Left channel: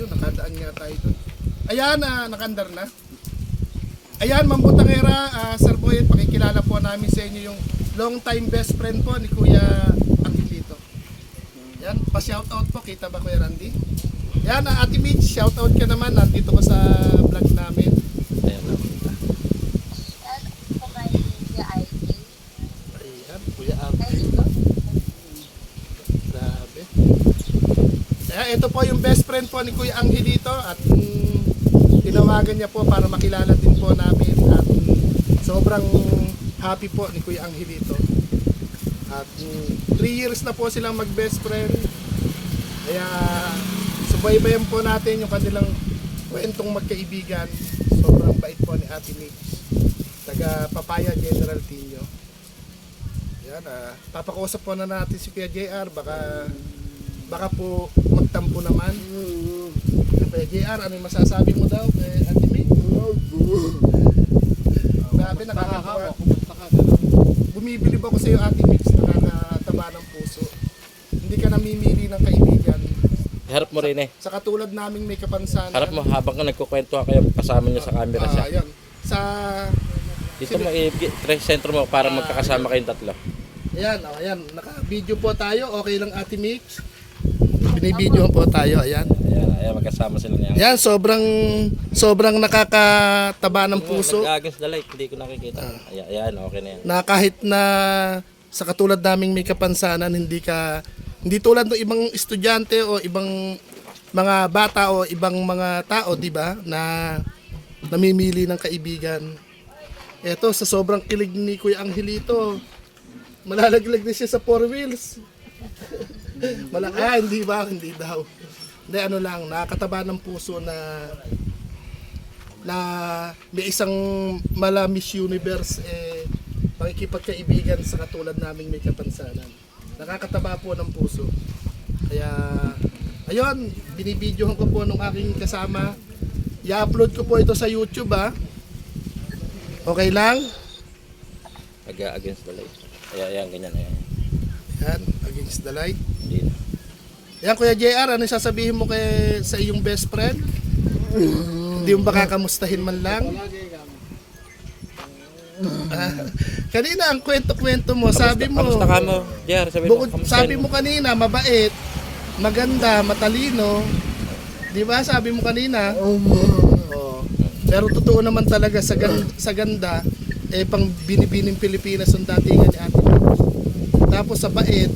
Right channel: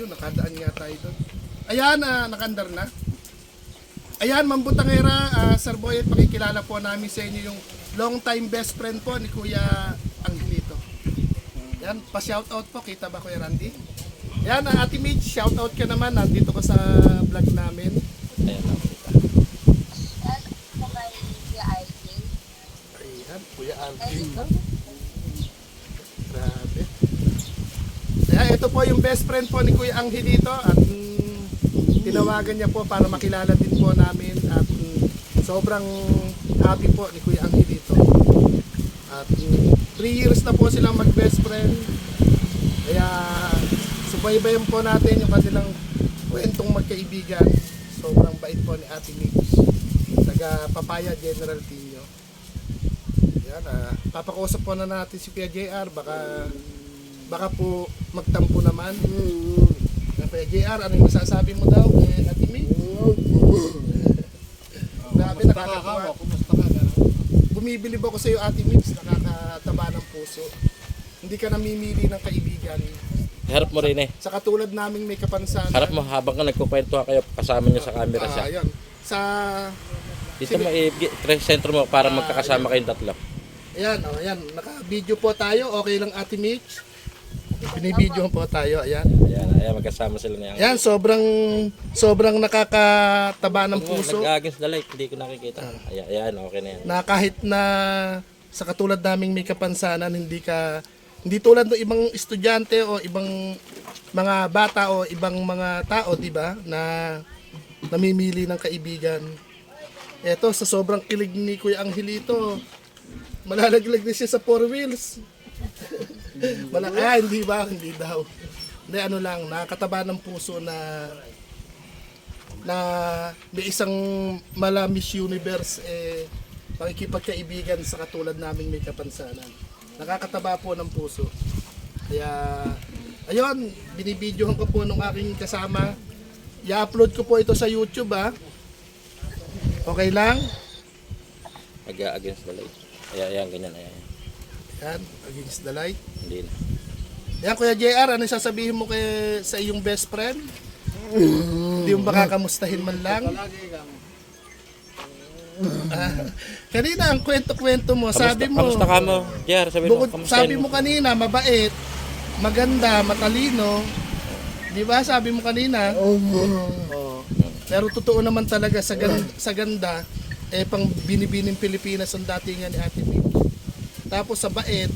Ayun, nakadaan nga tayo doon. Ayan, nakandar na. Ayan, Mambutangera, Sir Boyet, pakikilala po namin sa inyo yung long time best friend po ni Kuya Angelito. Yan, pa-shoutout po, kita ba Kuya Randy? Yan, Ate Mitch, shoutout ka naman, nandito ka sa vlog namin. Ayan na, kita. Ako kay Kuya RJ. Ayan, Kuya Angelito. Grabe. Ayan, ito po yung best friend po ni Kuya Angelito at tinawagan niya po para makilala din po namin at sobrang happy po ni Kuya Angelito. At 3 years na po silang mag best friend. Kaya subaybayan po natin yung kanilang kwentong magkaibigan. Sobrang bait po ni Ate Mitch, taga Papaya General Tino. Yan, papakusap po na natin si Kuya JR, baka po magtampo naman. Kuya JR, ano yung masasabi mo daw kay Ate Mitch? Grabe, nakakatawa. Bumibilib ako sa iyo, Ate Mitch, nakakataba ng puso. Hindi ka namimili ng kaibigan. Harap mo rin eh. Sa katulad naming may kapansanan. Harap mo habang ka nagkukwento kayo, kasama niya sa camera siya. Ayan. Sa Dito mo i-sentro mo para magkakasama kayong tatlo. ayan, ayan, naka-video po tayo. Okay lang Ate Mitch. Binibideo po tayo, ayan. Ayan, magkasama sila niya. Ayan, sobrang nakakataba ng puso. Nag-against the light, hindi ko nakikita. Ayan, okay na yan. Na kahit na sa katulad naming may kapansanan, hindi tulad ng ibang estudyante o ibang mga bata o ibang mga tao, di ba, na namimili ng kaibigan. Eto, sa sobrang kilig ni Kuya Angelito, malalaglag na siya sa 4 wheels. Hindi ba? Hindi daw. Hindi, ano lang, nakakataba ng puso na may isang mala Miss Universe pakikipagkaibigan sa katulad naming may kapansanan. Nakakataba po ng puso. Kaya, ayun, binibidyohan ko po nung aking kasama. I-upload ko po ito sa YouTube, ha. Okay lang? Against the light. Ayan, ganyan. Yan, against the light. Hindi na. Yan, Kuya JR, ano sasabihin mo sa iyong best friend? Hindi mo ba kakamustahin man lang? Kanina ang kwento-kwento mo, sabi mo, kamusta ka mo? JR, sabi mo kanina, mabait, maganda, matalino. Di ba? Sabi mo kanina. Oh. Pero totoo naman talaga sa ganda, pang binibining Pilipinas ang datingan ni Ate Mitch. Tapos sa bait,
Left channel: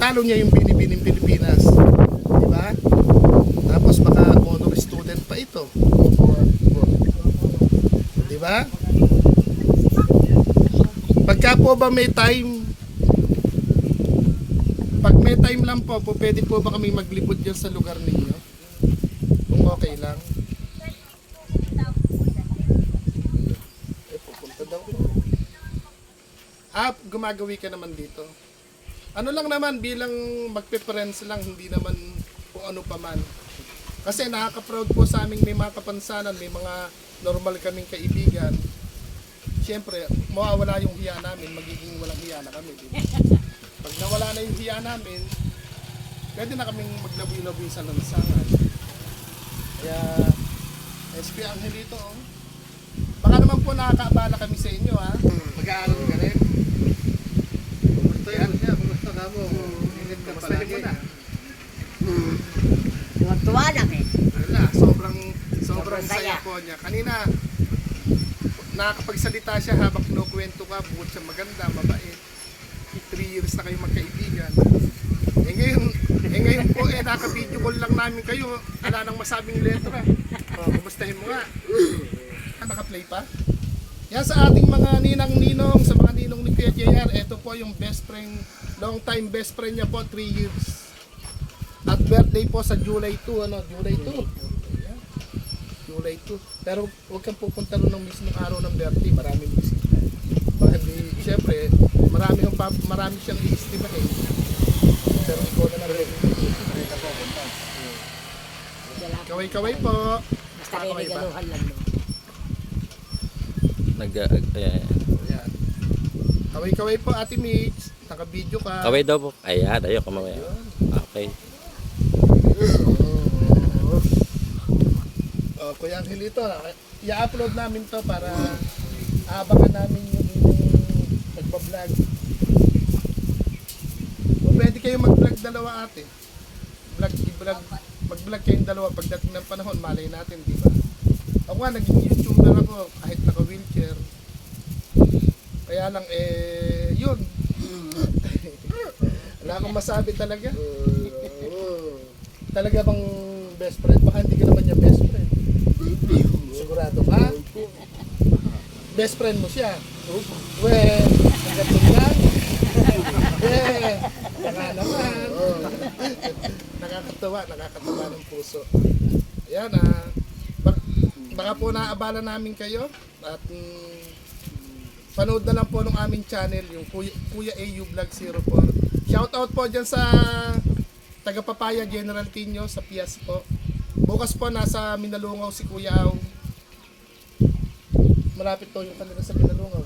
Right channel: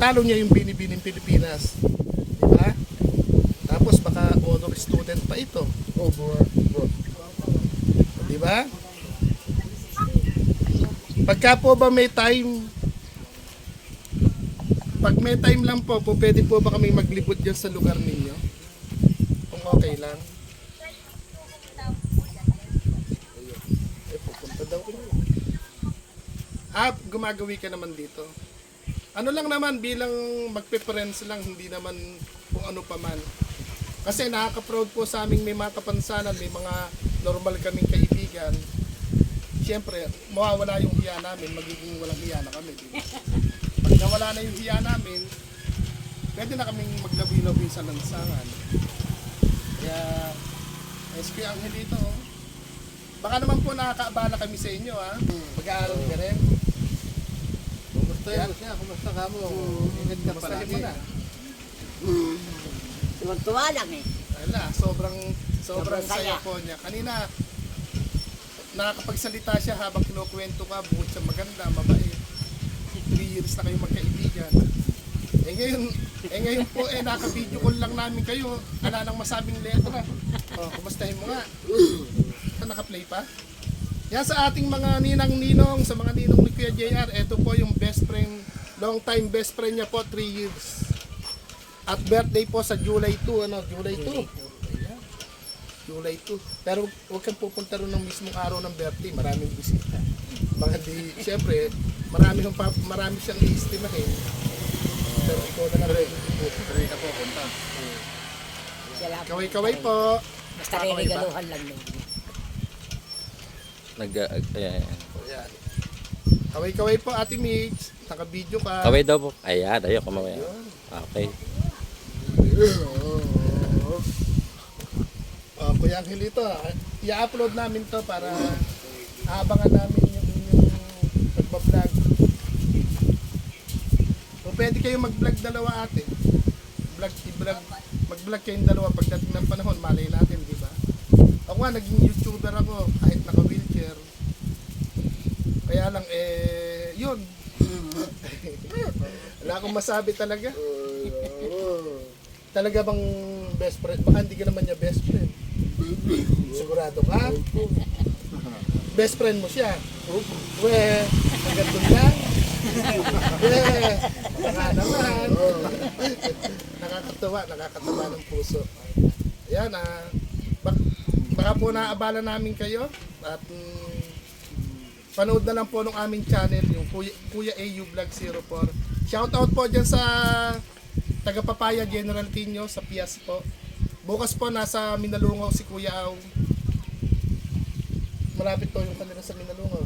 talo niya yung binibining Pilipinas. Di ba? Tapos baka honor student pa ito. Di ba? Pagka po ba may time, pag may time lang po, pwede po ba kaming maglibot dyan sa lugar ninyo? Kung okay lang. Pupunta daw. Gumagawi ka naman dito. Ano lang naman, bilang magpe-friends lang, hindi naman kung ano pa man. Kasi nakaka-proud po sa aming may mga kapansanan, may mga normal kaming kaibigan. Siyempre, mawawala yung hiya namin, magiging walang hiya na kami. Diba? Pag nawala na yung hiya namin, pwede na kaming maglabi-labi sa lansangan. Kaya, SP Angelito, baka naman po nakakaabala kami sa inyo, ha? Mag-aaral ka rin. Kumusta ka mo? Ingat ka palagi. Tuwa lang eh. Wala, sobrang saya po niya. Kanina, nakakapagsalita siya habang kinukwento ka, bukod sa maganda, mabait. 3 years na kayo magkaibigan. Ngayon po, naka-video call lang namin kayo. Wala nang masabing letra. Kumustahin mo nga. Naka-play pa? Yan sa ating mga ninang-ninong, sa mga ninong ni Kuya JR, ito po yung best friend, long time best friend niya po, 3 years. At birthday po sa July 2, July 2. July 2. Pero huwag kang pupunta rin ng mismong araw ng birthday, maraming bisita. Baka di, siyempre, marami siyang i-estimahin. Pero ikaw na lang rin. Kaway-kaway po. Basta regaluhan lang mo. Ayan. Kaway-kaway po, Ate Mitch. Naka-video ka. Kaway daw po. Ayan, ayoko mamaya. Okay. Kuya Angelito, i-upload namin to para aabangan namin yung pagbablog. Kung pwede kayong mag-vlog dalawa ate. Mag-vlog kayong dalawa pagdating ng panahon, malay natin, di ba? Ako nga, naging YouTuber ako kahit naka-wheelchair. Kaya lang, yun. Wala akong masabi talaga. Talaga bang best friend? Baka hindi ka naman niya best friend. Sigurado ka? Best friend mo siya? We, hanggang doon lang? We, baka naman. Nakakatawa ng puso. Ayan, baka po naabala namin kayo at panood na lang po ng aming channel, yung Kuya AU Vlog 04. Shoutout po dyan sa taga Papaya General Tino sa Pias po. Bukas po nasa Minalungaw si Kuya Aw. Malapit po yung kanila sa Minalungaw.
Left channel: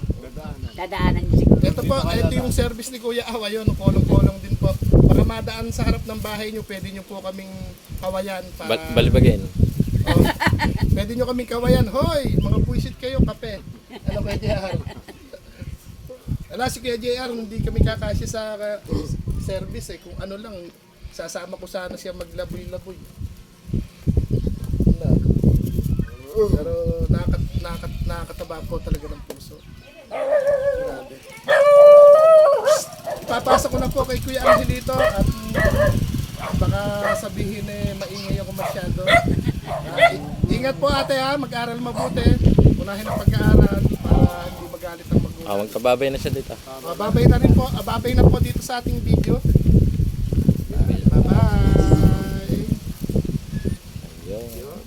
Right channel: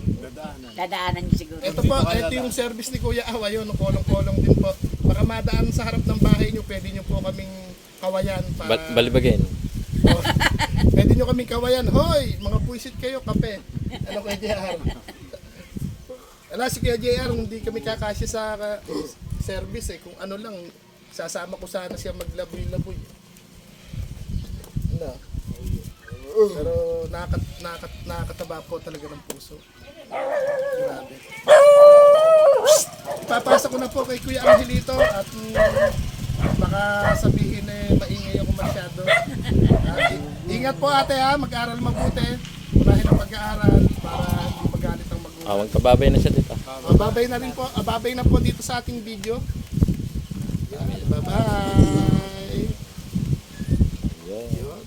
Dadaanan niyo siguro. Ito yung service ni Kuya Aw. Ayun, kolong-kolong din po. Baka madaan sa harap ng bahay nyo, pwede nyo po kaming kawayan para... Balibagin. Oh, pwede nyo kaming kawayan. Hoy, mga puisit kayo, kape. Ano Kuya JR? Ala, si Kuya JR, hindi kami kakasya sa service eh. Kung ano lang, sasama ko sana siya maglaboy-laboy. Na. Pero nakakataba po talaga ng puso. Grabe. Papasok ko na po kay Kuya Angelito at baka sabihin maingay ako masyado. Ingat po ate ha, mag-aral mabuti. Unahin ang pag-aaral para hindi magalit ang magulang. Magpababay na siya dito. Babay na rin po. Babay na po dito sa ating video. Bye-bye. Ayun. Yun.